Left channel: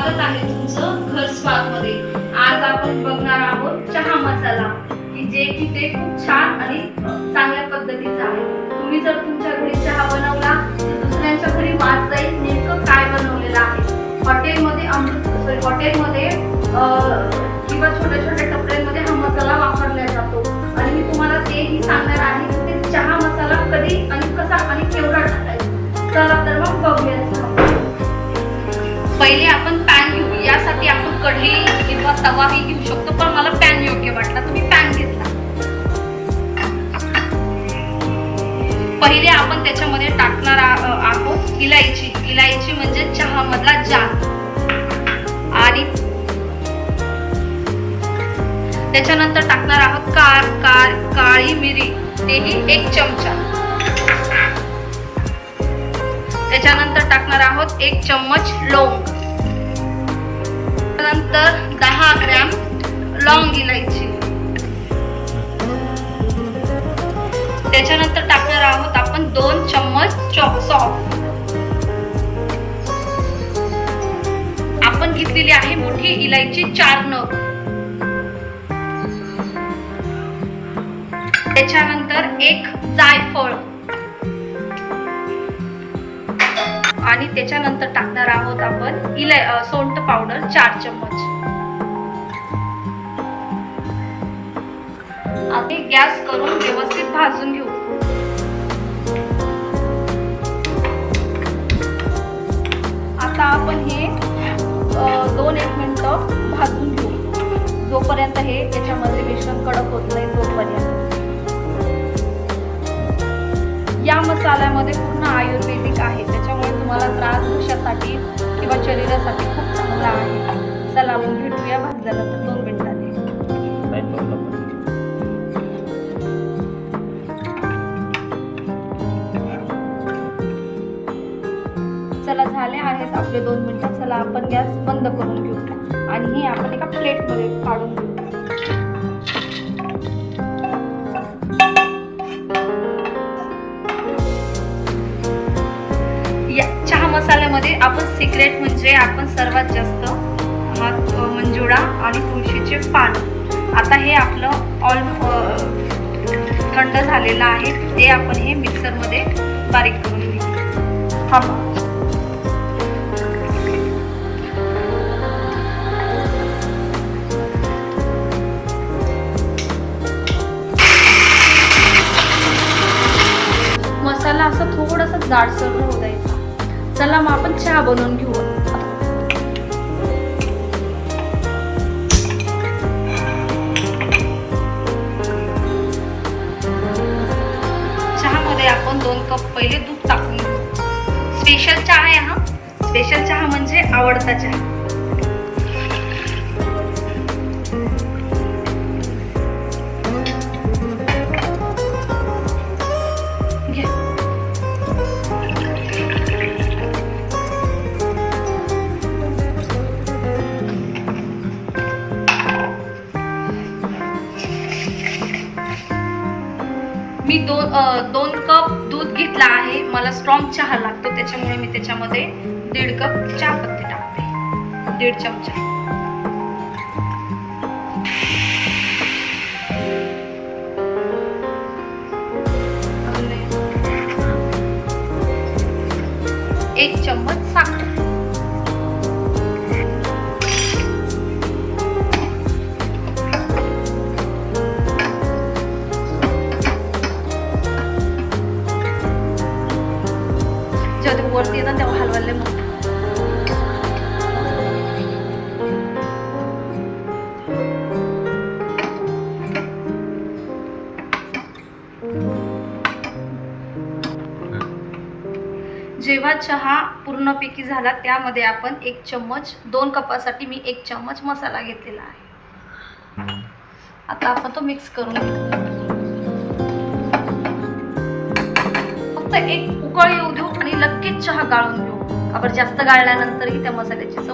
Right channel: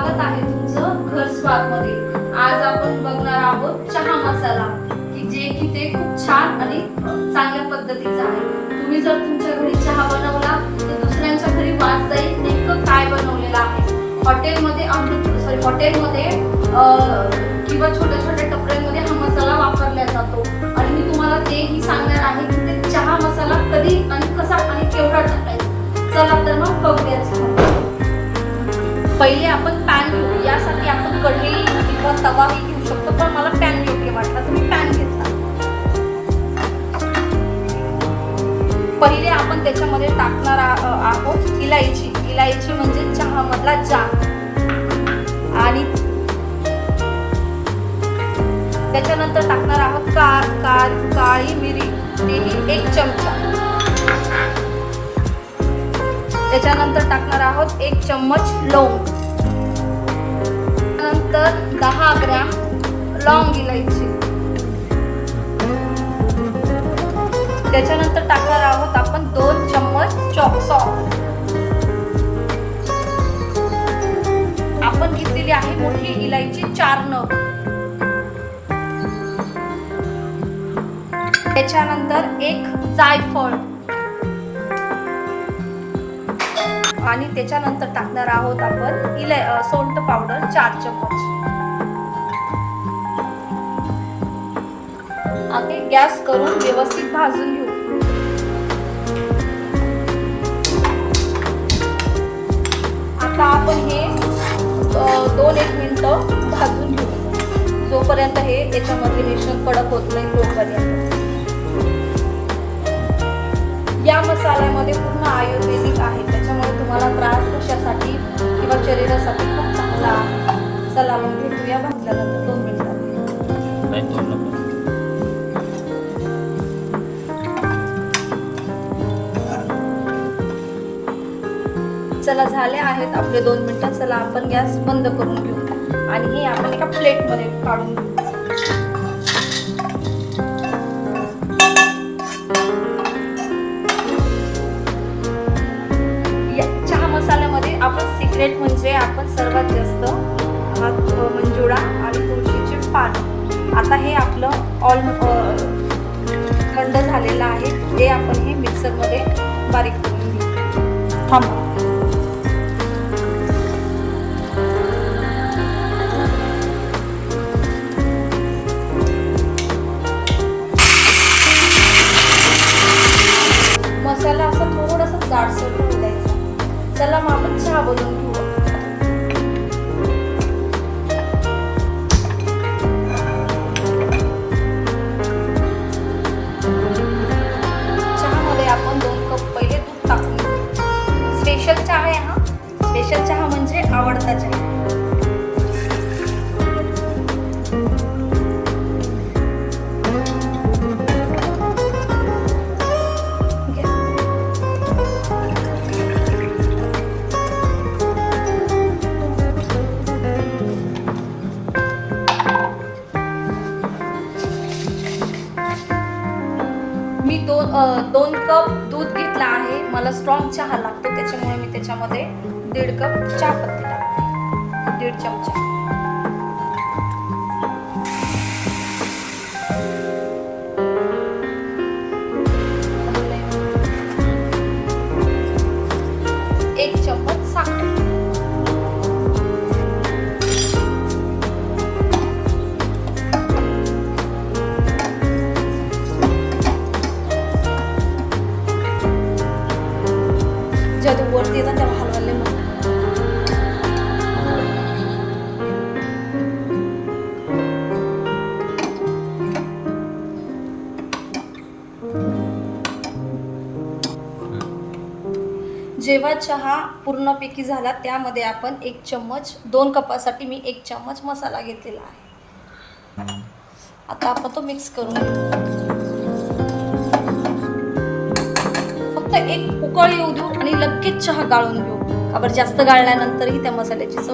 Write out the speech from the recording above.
स्वागत आहे तुमचं घर स्वादमध्ये. आज आपण बघणार आहोत चहा मसाला की जे की ते खूप छान आणि चांगल्या पद्धतीचा आहे. तुम्ही जर तुमच्या घरी चहा बनवला दुसऱ्यांच्या घरी वास जाईल नेमकं काय बनवलेलं आहे? हॉटेलमध्ये अमृत सॉरी हॉटेलमध्ये किंवा छोट्या छोट्या कढी किंवा तवाही घेऊ शकतो पण मला पॅन योग्य वाटला. तुम्ही पॅन घेतला. पहिले आपण त्याच्यामध्ये टाकणार आहोत इलायची. इलायची म्हणजे चहा मधला जात आणि त्याच्यानंतर टाकणार आहोत कार कार काळी मिरी. तेही एक चमचा. त्याच्यानंतर टाकणार आहोत एक चम्मच लवंग. आहे इलायची चार नग. त्याच्यानंतर एक जायफळ. आणि त्याच्यानंतर टाकणार आहोत आपण इलाय सोंट पावडर चार चम्मच. आणि गॅस करून व्यवस्थित भाजून प्लेटमध्ये काढून या चहा मसाल्यामध्ये आपण सिक्रेट म्हणजे आपण सर्वात जास्त मंजुळा आणि तुळशीचे पान. आता हे आपलं ऑल थंड झालेलं आहे. ते आपण स्पेशल चहा आहे हा. स्पेशल चहा म्हणजे आवडता चहा. मी दोन दोन कप दूध घेतला आहे. मला स्ट्रॉंग चहा लागतो त्याच्यामुळे मी त्याच्यामध्ये दीड कप चहापत्ती टाकते दीड चमचा. जेव्हा चहा पूर्णपैकी झाला त्यामध्ये आपण एक चम्मच दोन कपासाठी मी एक चम्मच मसाला घेतलेला आहे. आता आपण तो मिक्स करून फक्त एक उकळ येऊ देऊ आणि लगेच चहा गाळून घेऊ. का जास्त गाळल्यानंतरही त्या मसाल्याची